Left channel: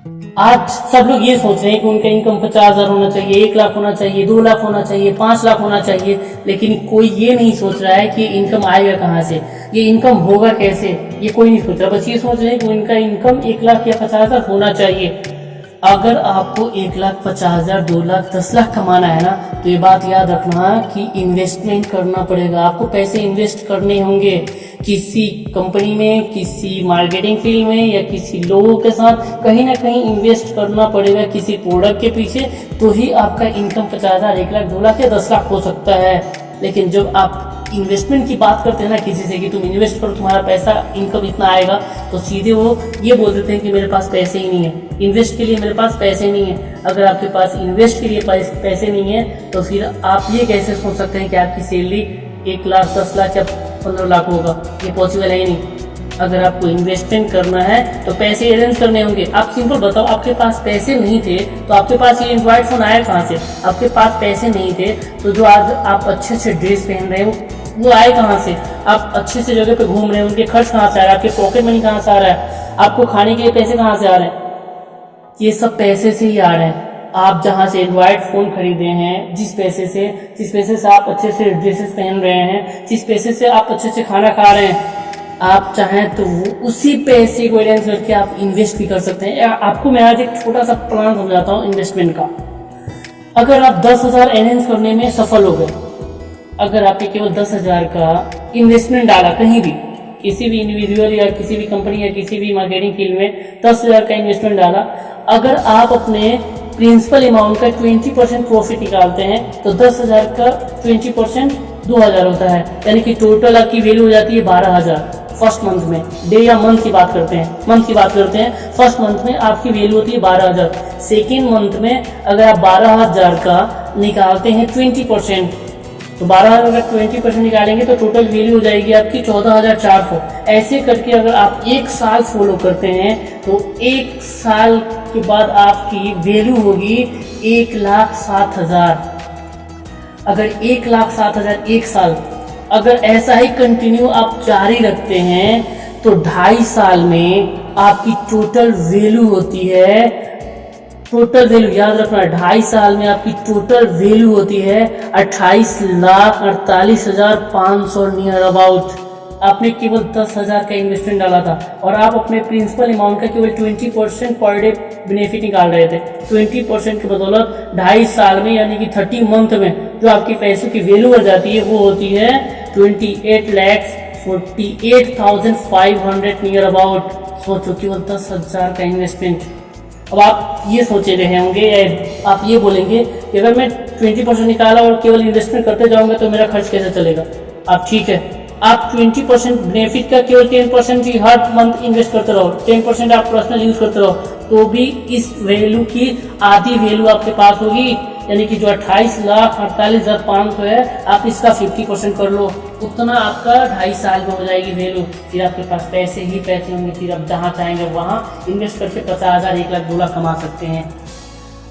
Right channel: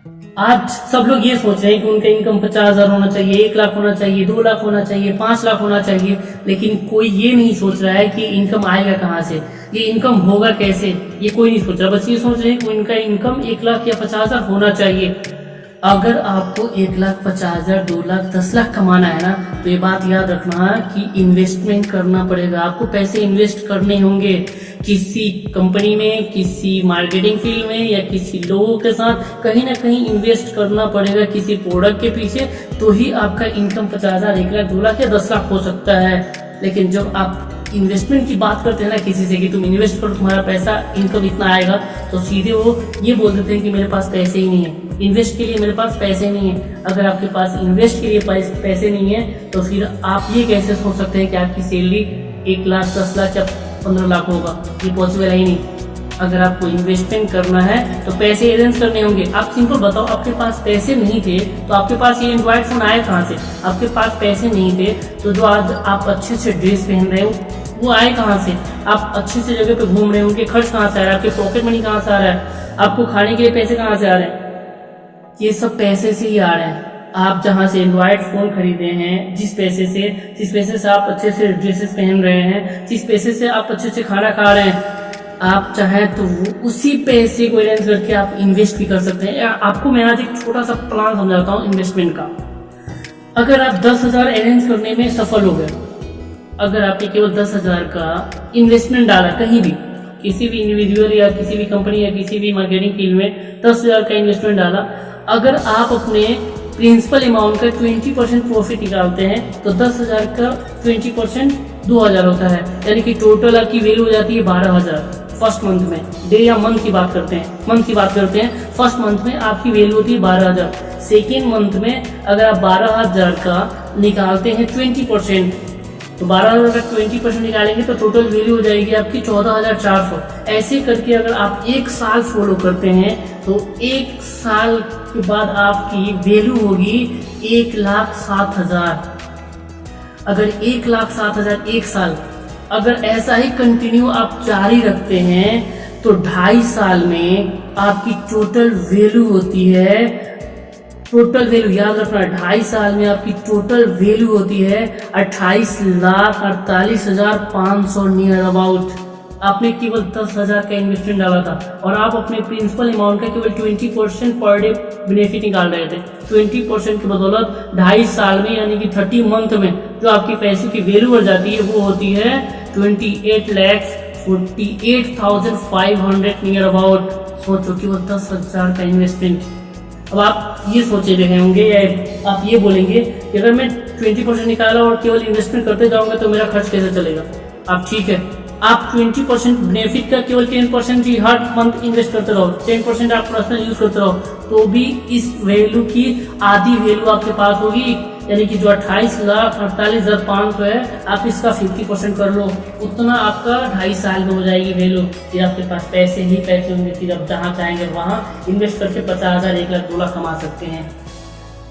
आज सब लोग ये सोच रहे हैं कि उनका इनकम 50,000 होना चाहिए, 1 लाख होना चाहिए, 2 लाख होना चाहिए, 5 लाख होना चाहिए, लेकिन कोई ये नहीं सोच रहा है कि इनकम आएगा कहाँ से, ये इनकम होगा कैसे, ये कोई नहीं सोच रहा। बस ये सोच रहे हैं कि उनका इनकम 1 लाख या 50,000 होना चाहिए। अगर आपको 1,50,000, 2 लाख, 10 लाख कमाना है ना, तो ये बात याद रखना कि इन्वेस्टमेंट करना पड़ेगा। आपको पैसे इन्वेस्ट करने होंगे किसी कंपनी में, किसी मार्केटिंग फील्ड में, या किसी लोगों के साथ कहीं ना कहीं इन्वेस्ट करना पड़ेगा किसी प्रोडक्ट के पीछे, तो ही आपका इनकम 50,000, 1 लाख, 2 लाख या 10 लाख हो सकता है। लेकिन जब आप इन्वेस्टमेंट की बात करते हैं ना किसी से कि तुम इन्वेस्ट करो तुम्हारा पैसा इनकम इतना आएगा, तो सीधे वो ये बोल देते हैं कि मेरे पास पैसे ही नहीं है, इन्वेस्ट के लिए मेरे पास पैसे नहीं है। अगर आपके पास इन्वेस्ट के लिए पैसे नहीं है तो फिर आप ये कैसे सोच सकते हैं कि आपकी सैलरी 1 लाख, 10 लाख या 15 लाख होगा? ये पॉसिबल है ही नहीं। अगर आपको इन्वेस्टमेंट करना है तो पैसे अरेंज करने होंगे। आप सिंपल बताओ, आपके पास पैसे नहीं थे तो आपके पास ये एंड्रॉइड फोन आया कहाँ से? आपके पास पैसे नहीं थे तो जो आज आप अच्छे से ड्रेस पहन रहे हो वो आए कहाँ से? आप अच्छे से जगह पे घूम रहे हो, उनके खर्च कहाँ से आ रहा है? आपके पॉकेट मनी कहाँ से आ रहा है? आपको खाने के लिए पैसे कहाँ से आ रहे हैं? ये सब पैसे से ही आ रहे हैं। आप जहाँ से एंड्रॉइड फ़ोन खरीदे हैं, जिस पैसे से आप अच्छे से ड्रेसेस पहन रहे हैं, जिस पैसे से आप अच्छे से खाना खा रहे हैं, आप चाहें तो उसी पैसे को अरेंज करके आप इन्वेस्ट भी कर सकते हैं। आपको मैं आज एक छोटा सा प्लान समझाता हूँ इन्वेस्टमेंट का। अगर आप 10,000 अरेंज करने में सफल हो गए, अगर आपने केवल 10,000 का इन्वेस्टमेंट डाला कहीं भी, किसी भी इंडिविजुअल या किसी भी कंपनी या किसी भी मार्केटिंग फील्ड में 10,000 का इन्वेस्टमेंट डाला, अगर आप अपने प्रिंसिपल अमाउंट का 20% प्रॉफिट निकालते हैं तो 10,000 का 20% 2,000 होता है, यानी कि टोटल आपकी वैल्यू हो जाती है 12,000 फर्स्ट मंथ में। डे या मंथ की बात करते हैं, फर्स्ट मंथ में आपकी वैल्यू होती है 12,000। सेकेंड मंथ में अगर आप 12,000 का निकालते हैं 20%, तो 12,000 का 20% निकालेंगे तो टोटल वैल्यू हो जाएगी आपकी 14,400। ऐसे करके अगर आप 1 साल फॉलो करते हैं तो 1 साल के बाद आपकी वैल्यू होगी 1,07,000। अगर 1,07,000 1 साल, अगर ऐसा ही कंटिन्यू आप जारी रखते हैं तो 2.5 साल में आपकी टोटल वैल्यू होती है, टोटल वैल्यू याद रखना, 2.5 साल में आपकी टोटल वैल्यू होती है 28,48,500 नियर अबाउट। आपने केवल 10,000 का इन्वेस्टमेंट डाला था और आप अपने प्रिंसिपल अमाउंट का केवल 20% पर डे बेनिफिट निकाल रहे थे। 20% की बदौलत 2.5 साल में यानी कि 30 मंथ में जो आपकी पैसों की वैल्यू बढ़ जाती है वो होती है 28,48,500 नियर अबाउट। सोचो केवल 10,000 का इन्वेस्टमेंट। अब आप ये सोचे रहे होंगे या आप ये बोलेंगे कि अगर मैं 20% निकाला और केवल इन्वेस्टमेंट करते जाऊंगा तो मेरा खर्च कैसे चलेगा? आप ठीक है, आप 20% बेनिफिट का केवल 10% ही हर मंथ इन्वेस्ट करते रहो, 10% आप पर्सनल यूज करते रहो, तो भी इस वैल्यू की आधी वैल्यू आपके पास होगी, यानी कि जो 28,48,500 है, आप इसका 50% कर लो, उतना आपका 2.5 साल में हो जाएगी वैल्यू। फिर आपके पास पैसे ही पैसे होंगे, फिर आप जहाँ चाहेंगे वहाँ इन्वेस्ट करके 50,000, 1 लाख, 2 लाख कमा सकते हैं।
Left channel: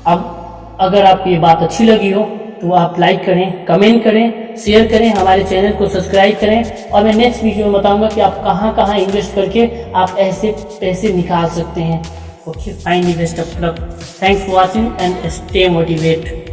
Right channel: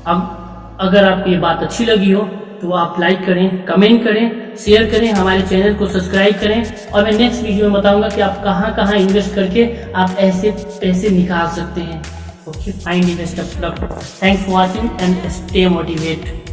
अब अगर आपको ये बात अच्छी लगी हो तो आप लाइक करें, कमेंट करें, शेयर करें, हमारे चैनल को सब्सक्राइब करें, और मैं नेक्स्ट वीडियो में बताऊंगा कि आप कहाँ इन्वेस्ट करके आप ऐसे पैसे निकाल सकते हैं। Okay, finally best of luck. Thanks for watching and stay motivate.